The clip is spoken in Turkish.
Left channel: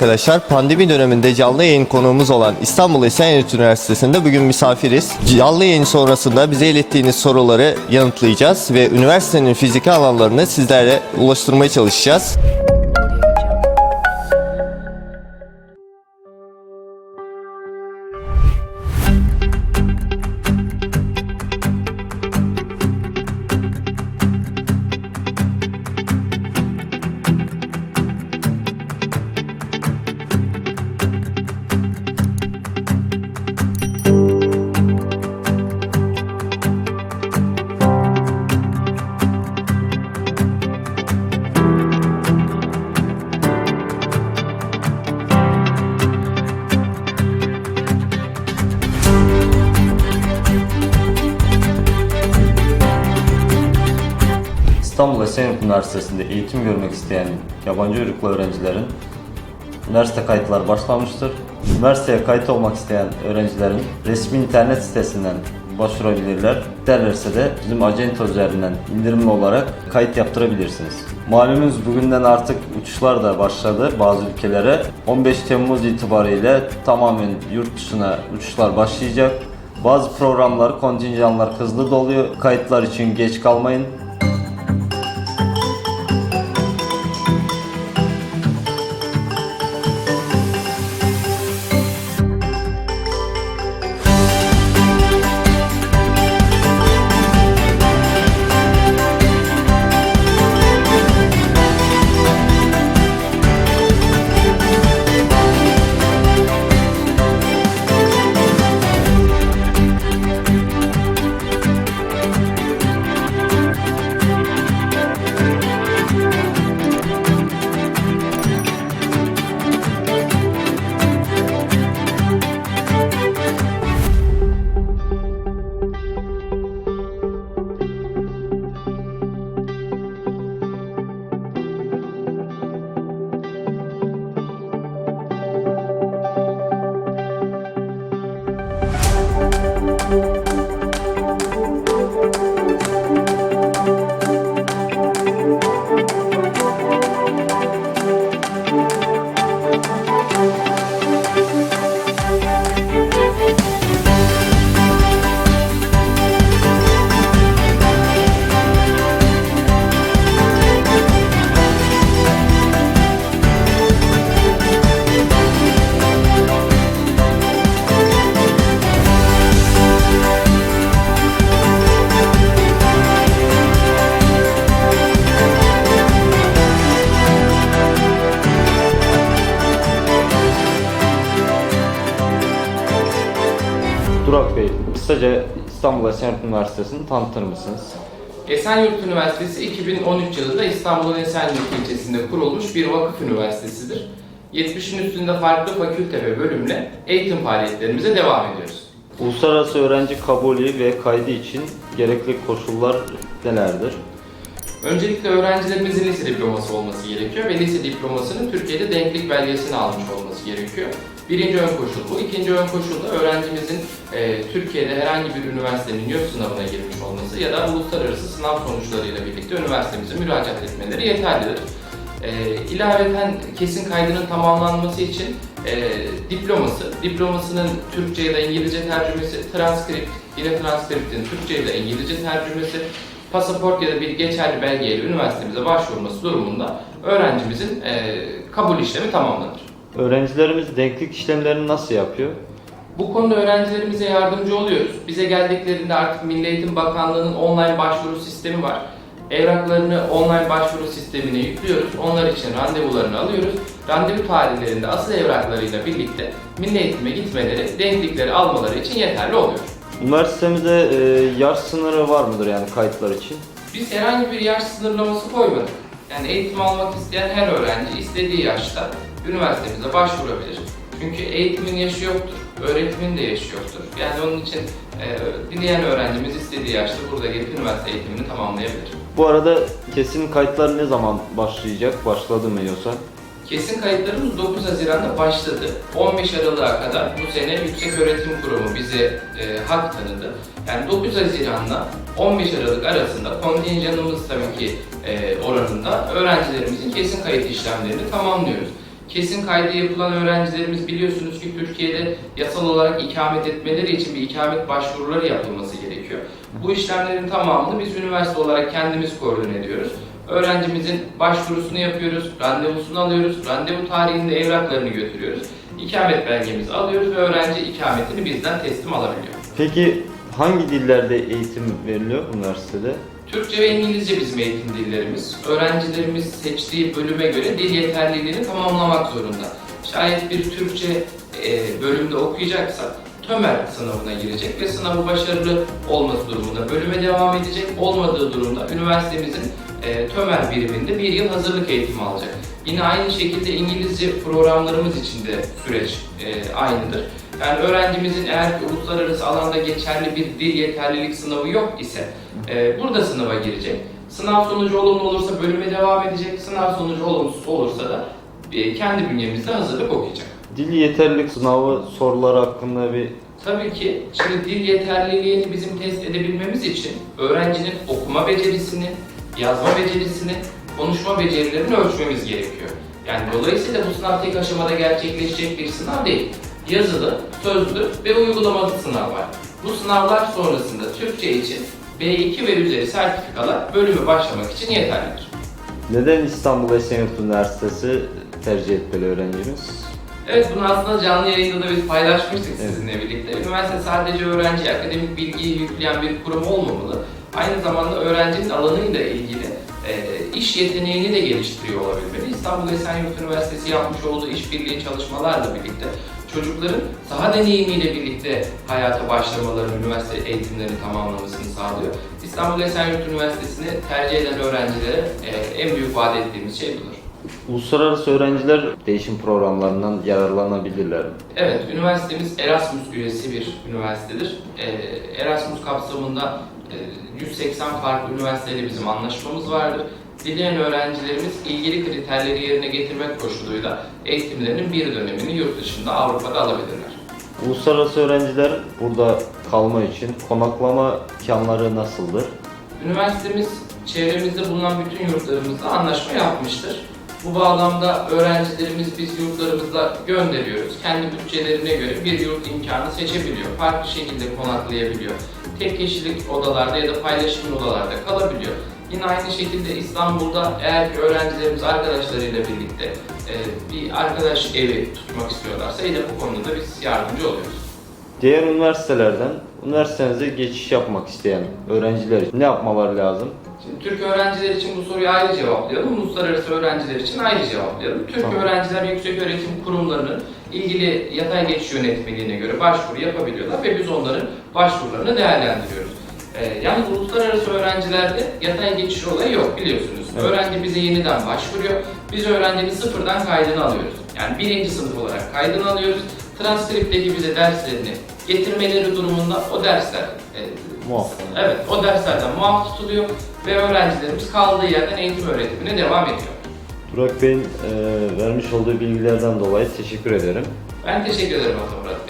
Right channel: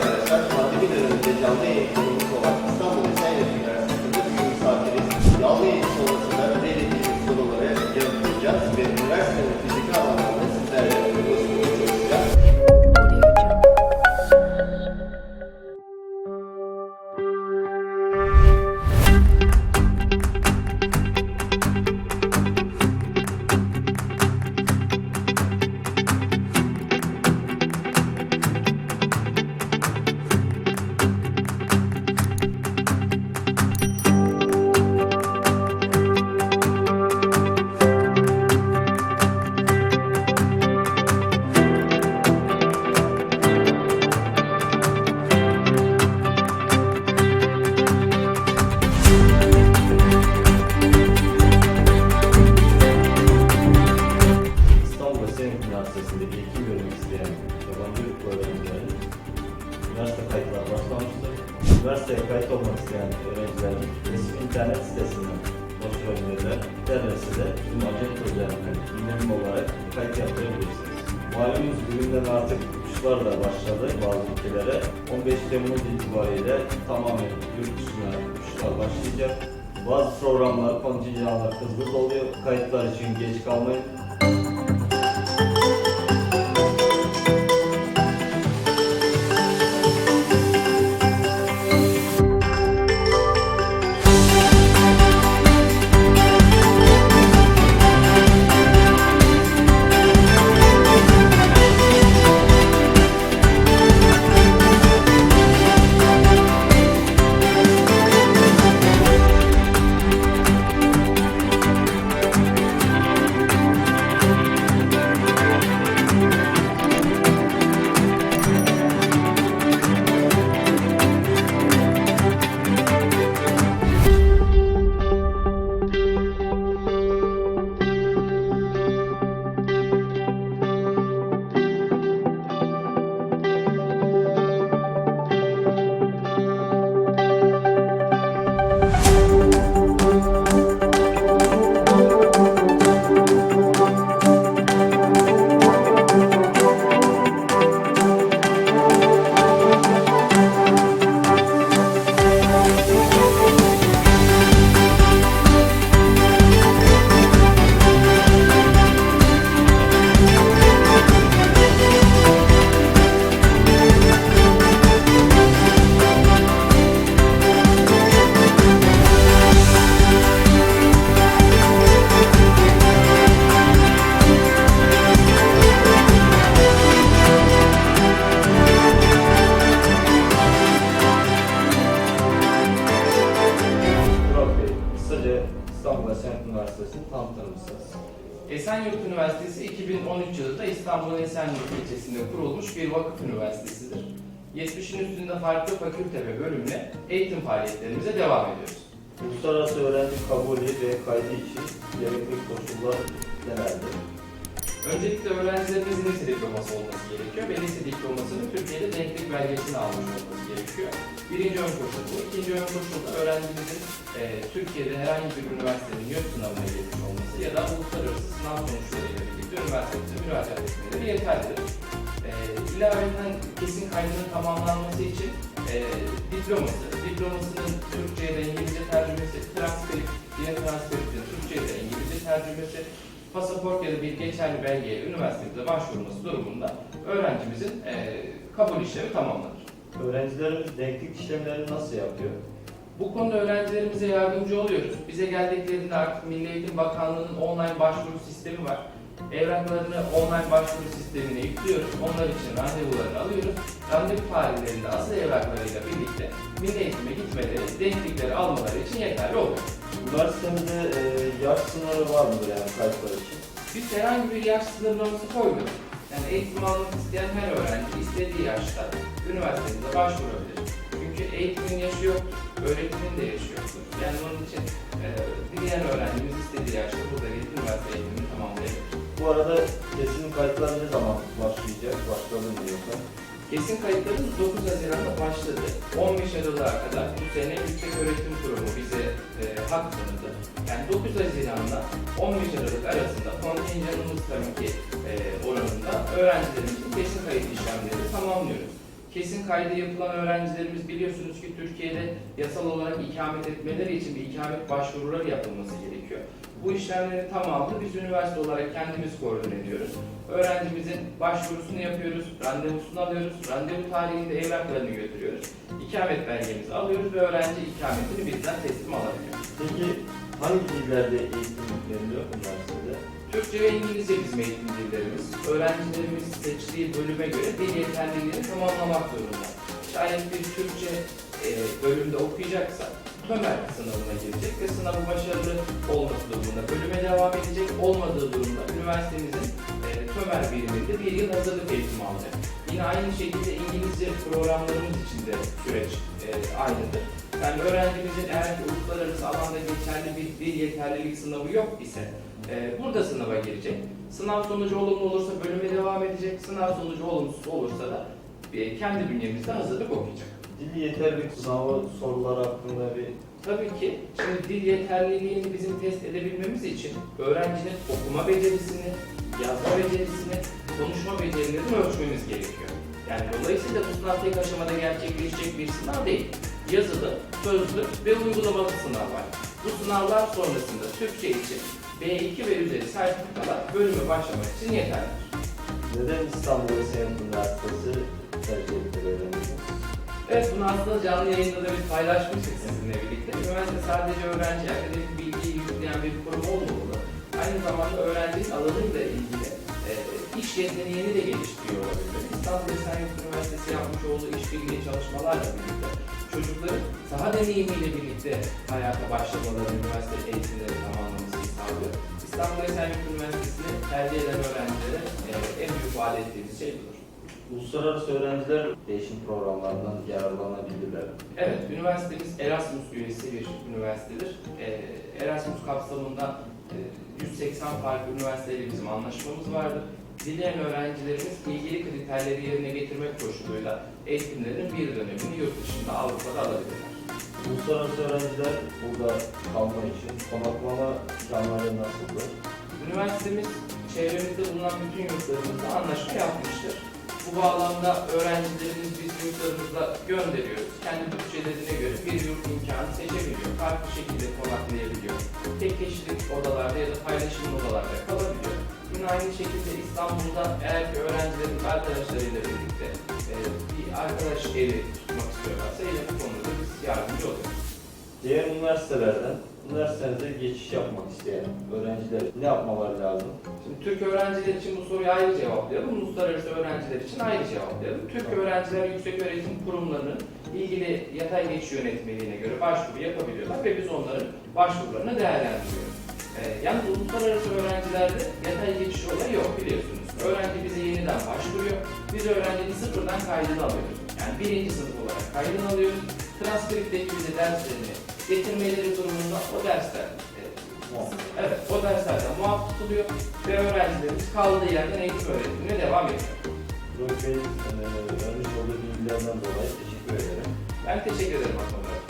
arkadaşlar. Pandemi döneminde canlı yayın konuğumuz olan İstanbul Esenyurt Üniversitesi'nde bugün misafiriz. Canlı yayın sonrasında bize ilettiğiniz soruları yanıtlayacağız ve üniversitenin fiziki alanlarını sizlere ulaştırmaya çalışacağız. İstanbul Esenyurt Üniversitesi'nde eğitim görmek isteyen yabancı uyruklu öğrencilerin üniversite kayıtları başlamıştır. Üniversiteye kayıt olmak isteyen öğrencilerin resmi internet sitesinden başvurabilirler. İsterlerse de bizim acento üzerinden indirimli olarak kayıt yaptırabilirsiniz. Malumunuz bugünden artık uçuşlar da başladı bazı ülkelere. 15 Temmuz itibariyle tamamen yurt dışına uçuşlar başlayacak. Bazı programlar, kontenjanlar hızlı doluyor. Kayıtlar için geç kalmayın. Burak Bey, kısaca İstanbul Esenyurt Üniversitesi'ni tanıtır mısınız? Esenyurt Üniversitesi 2013 yılında İstanbul'un Esenyurt ilçesinde kurulmuş bir vakıf üniversitesidir. 70'in üstünde farklı fakülte ve bölümle eğitim faaliyetlerimize devam ediyoruz. Uluslararası öğrenci kabulü ve kaydı için gerekli koşullar nelerdir? Öncelikle öğrencilerimizin lise diploması olması gerekiyor ve lise diplomasının Türkiye'de denklik belgesini almış olması gerekiyor. Birinci ön koşul bu. İkinci ön koşul da öğrencimizin Türkiye'de herhangi bir üniversitenin YÖK sınavına girmiş olması ya da uluslararası sınav sonuçlarıyla birlikte üniversitemize müracaat etmeleri yeterlidir. İlaveten kesin kaydının tamamlanması için diplomasının Türkçe ya da İngilizce tercümesi, yine transkriptin Türkçe ya da İngilizce tercümesi, pasaport ya da bir geçerli belgeyle üniversitemize başvurması durumunda öğrencimizin kabul işlemi tamamlanır. Öğrencilerimiz denklik işlemlerini nasıl yapıyor? Bu konuda öğrencilerimize yardımcı oluyoruz. Bize geldiklerinde artık Milli Eğitim Bakanlığı'nın online başvuru sistemi var. Evraklarını online başvuru sistemine yüklüyoruz. Onlar için randevularını alıyoruz. Randevu tarihlerinde asıl evraklarıyla birlikte milli eğitime gitmeleri, denklikleri almaları için yeterli oluyor. Üniversitemizde yaş sınırı var mıdır yani kayıtlar için? Biz herhangi bir yaş sınırlaması koymadık. Yani eğitim almak isteyen her öğrenci istediği yaşta üniversitemize başvurabilir. Çünkü eğitimin yaşı yoktur, öğretimin de yaşı yoktur. Yani onun için dileyen öğrencimiz istediği yaşta burada gelip üniversite eğitimini tamamlayabilir. Bu arada kesin kayıtlar ne zaman başlayacak? Başladı mı yoksa? Kesin kayıtlarımız 9 Haziran'da başladı. 15 Aralık'a kadar bu sene Yükseköğretim Kurumu bize hak tanıdı. Yani 9 Haziran'la 15 Aralık arasında kontenjanımız tabii ki oranında öğrencilerimizin kesin kayıt işlemlerini tamamlıyoruz. Kesin kaydı yapılan öğrencilerimiz biliyorsunuz ki Türkiye'de yasal olarak ikamet etmeleri için bir ikamet başvuruları yapılması gerekiyor. Bu işlemlerin tamamını biz üniversite olarak kendimiz koordine ediyoruz. Öğrencimizin başvurusunu yapıyoruz, randevusunu alıyoruz, randevu tarihinde evraklarını götürüyoruz. İkamet belgemizi alıyoruz ve öğrenci ikametini bizden teslim alabiliyor. Peki hangi dillerde eğitim veriliyor üniversitede? Türkçe ve İngilizce bizim eğitim dillerimiz. Öğrencilerimiz seçtiği bölüme göre dil yeterliliğini tamamlamak zorunda. Şayet bir Türkçe bölümde okuyacaksa TÖMER sınavına girecek ve sınavı başarılı olması durumunda bölüme devam edecek. Olmadığı durumda üniversitemizin TÖMER biriminde bir yıl hazırlık eğitimi alacak. Yine aynı şekilde İngilizce programlarımız için de süreç aynıdır. Yani öğrencimizin eğer ki uluslararası alanda geçerli bir dil yeterlilik sınavı yok ise burada sınava girecek. Sınav sonucu olumlu olursa bölüme devam edecek. Sınav sonucu olumsuz olursa da kendi bünyemizde hazırlık okuyacak. Dil yeterlilik sınavı soruları hakkında bir... Tabii ki şimdi dil yeterliliğini bizim test edebilmemiz için öğrencinin okuma becerisini, yazma becerisini, konuşma becerilerini ölçmemiz gerekiyor. Yani dolayısıyla bu sınav tek aşamada gerçekleşecek bir sınav değil. Yazılı, sözlü ve uygulamalı sınav var. Bu sınavlar sonrasında Türkçe için B2 ve üzeri sertifikalar bölümü başlamak için yeterlidir. Neden İstanbul Esenyurt Üniversitesi tercih etmeli öğrencimiz? Evet, bunu aslında canlı yayında da biz paylaşmıştık sizinle birlikte. Üniversite sadece öğrenciye akademik bilgiyi yükleyen bir kurum olmamalı. Aynı zamanda öğrencinin alanıyla ilgili iş yeteneğini de geliştiriyor olabilmeli. İstanbul Esenyurt Üniversitesi yapmış olduğu işbirliği çalışmalarla birlikte çocukların saha deneyimiyle birlikte hayata başlamaları, üniversite eğitimlerini tamamlamasını sağlıyor. İstanbul Esenyurt Üniversitesi'ni tercih eden öğrencilere en büyük vaat ettiğimiz şey budur. Uluslararası öğrenciler değişim programlarından yararlanabilirler mi? Evet, üniversitemiz Erasmus üyesi bir üniversitedir. Erasmus kapsamında 180 farklı üniversiteyle bizim anlaşmamız vardır. Dileyen öğrencilerimiz ilgili kriterleri yerine getirmek koşuluyla eğitimlerinin bir dönemini yurt dışında Avrupa'da alabilirler. Uluslararası öğrenciler burada kalma için konaklama imkanları nasıldır? Üniversitemiz çevremizde bulunan bütün yurtlarımızla anlaşma yapmıştır. Bu bağlamda öğrencilerimiz biz yurtlarımızla gönderiyoruz. Kendi bütçelerine göre bir yurt imkanı seçebiliyor. Farklı şekilde konaklayabiliyor. Tek kişilik odalarda ya da paylaşım odalarda kalabiliyor. Yine aynı şekilde İstanbul'da eğer ki öğrencilerimiz arkadaşlarıyla birlikte bir arkadaş evi tutmak istiyorlarsa yine bu konuda da biz yardımcı oluyoruz. Diğer üniversitelerden üniversitenize geçiş yapmak isteyen öğrenciler ne yapmaları lazım? Şimdi Türk öğrenciler için bu soruyu ayrı cevaplayalım, uluslararası öğrenciler için ayrı cevaplayalım. Türk Tamam. öğrenciler yükseköğretim kurumlarının ilgili yatay geçiş yönetmeliğine göre başvuru yapabiliyorlar ve biz onların başvurularını değerlendiriyoruz. Yalnız uluslararası öğrencilerde yatay geçiş olayı yok biliyorsunuz. Evet. Öğrenci bize yeniden başvuruyor. Biz öğrencinin sıfırdan kaydını alıyoruz. Yani birinci sınıf olarak kaydını alıyoruz. Transkripteki bize derslerini getirmeleri durumunda o dersler Muaf. evet, o derslerden muaf tutuluyor ve öğrencilerimiz kaldığı yerden eğitim öğretimine devam ediyor. Burak Bey'in vermiş olduğu bilgilerden dolayı teşekkür ederim. Ben teşekkür ederim Murat Bey.